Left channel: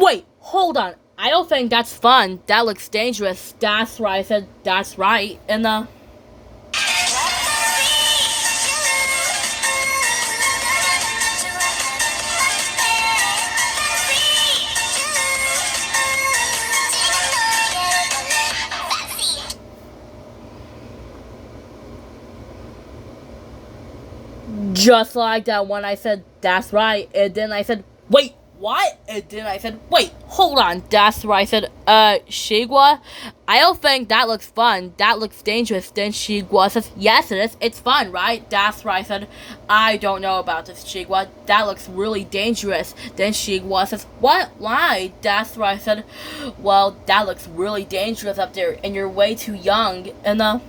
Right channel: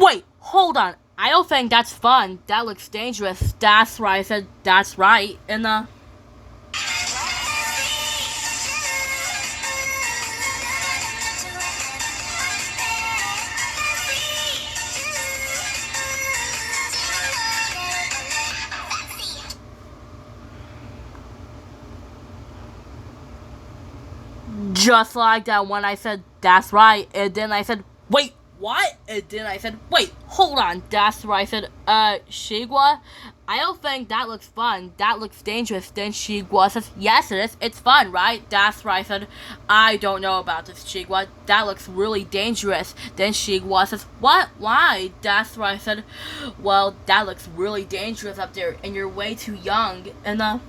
Wait, hold on. I don't think that's fun. That looks dangerous. That's right. I said that's right. And just like that when I said that's right, and then I said, wait, what? And then I said, wait, hold on, that's right. I said, Shigwa, I don't think that looks fun. That looks dangerous. Then Shigwa says, yes, it is. It's fun, right? That's right. I said, I don't know about this, Shigwa. That looks really dangerous. Then Shigwa says, what? Why? That's right. I said, well, that looks really dangerous up there, and you're way too young. And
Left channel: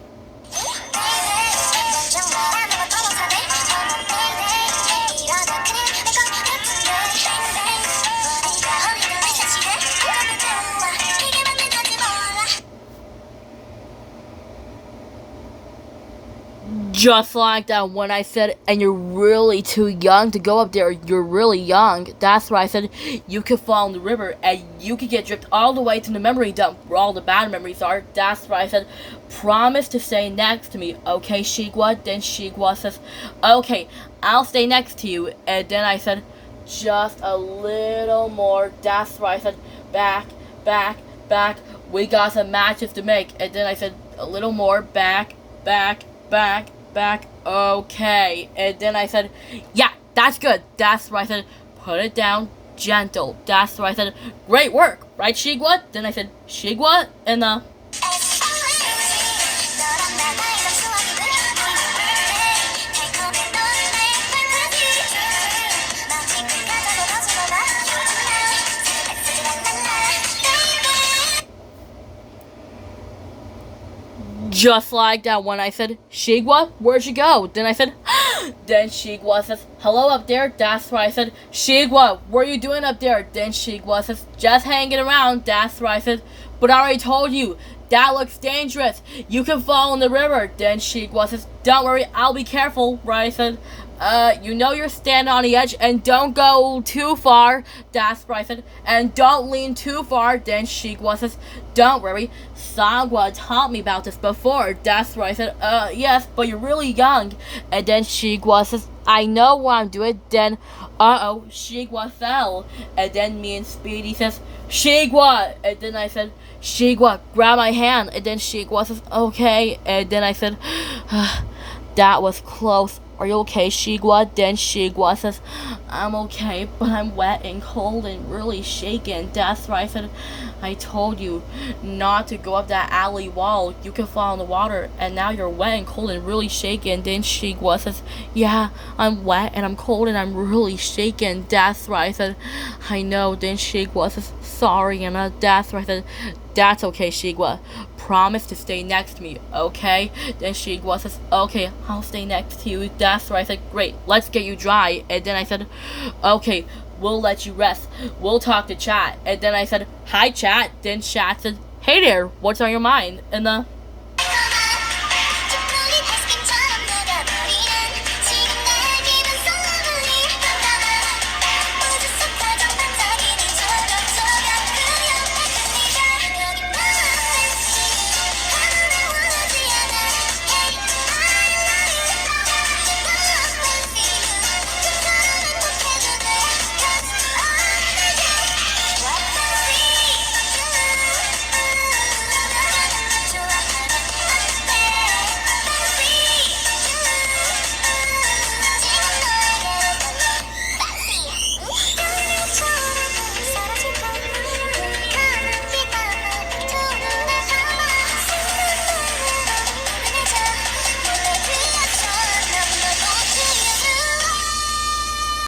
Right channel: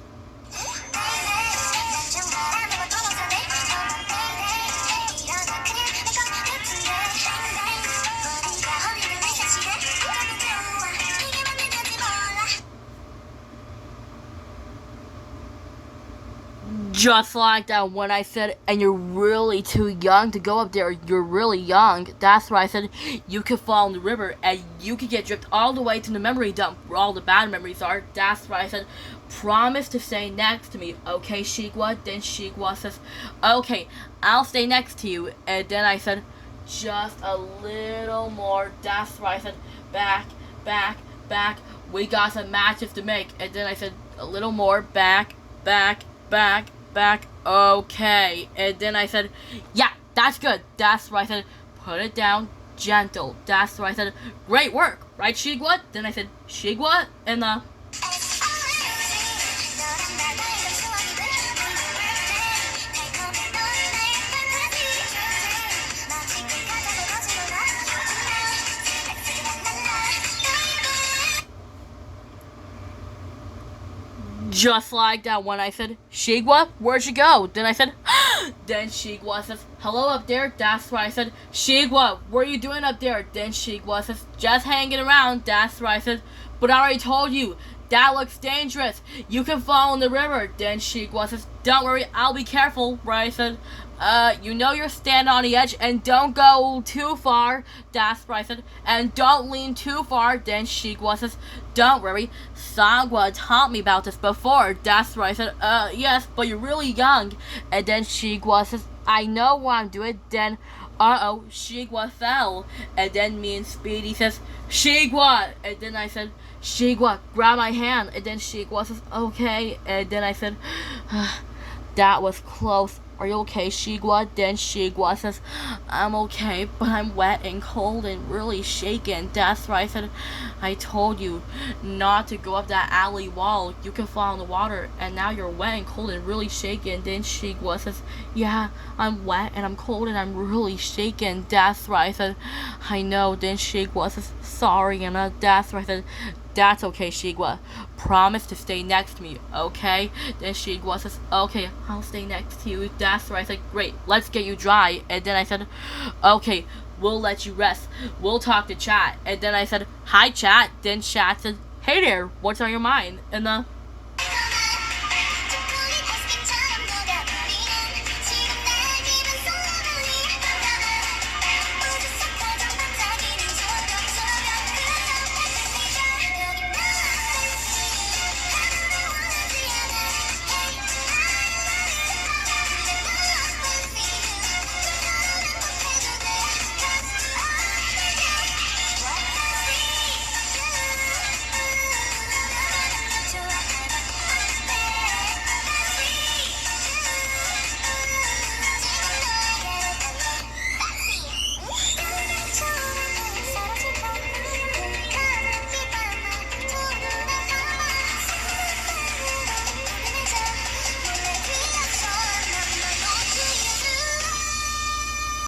just like that when I said, and you're really too young to go up there. You're really young. That's why I said you could fall in the river and you could get dripped all the way to the memory dump where all the bad memories are. That's why I said, promise to stay next to me, okay, Shigwa? Then Shigwa says, okay, I'll stay next to you. And then I said, just a little more. That's right. I said, back, back, back. We got some matches to make. And then I said, a little more. Back, back, back, back. Okay. And then I said, yeah, that's good. That's right. I said, put it down gentle. That's right. I said, great work. Right, Shigwa? Then I said, Shigwa? And just like that when I said, Shigwa, where'd you go? Then I said, then Shigwa says, hello up there. That's right. I said, Shigwa, what are you doing up there? Then Shigwa says, just hanging around. That's right. I said, but I already told you, that looks dangerous. You can fall in the river. Then Shigwa says, don't worry, I'll be careful. Right? I said, you know you're standing on the edge and don't go too far. That's right. I said, and don't lean too far. Then Shigwa says, don't worry, Sagwa taught me about this before. That's right. I said, yes, but you're really young. And then Shigwa says, I know what I'm doing. Then, Shigwa fell. And then me and Speedy says, Shigwa. And then I said, Shigwa, grab my hand. And then Shigwa says, okay. And then I said, that was close. Are you okay, Shigwa? Then Shigwa says, I'm okay, but I'm wet and cold and really shaken. That's right. I said, I told you not to go up that alley wall. You can fall in the water, and now you're wet and cold and really shaken. Then Shigwa says, yeah, I'm wet and I'm cold and I'm really shaken. That's right. I said, I know. Then Shigwa says, sorry, Anna. That's right. I said, that's okay, Shigwa. Promise to stay next to me, okay? Then Shigwa says, okay, I'll stay next to you. That's right. I said, great, let's get you dry. And then I said, okay, we'll let you rest. We'll talk to Chat. And then I said, hi, Chat. Then Chat said, hey there, what's on your mind? And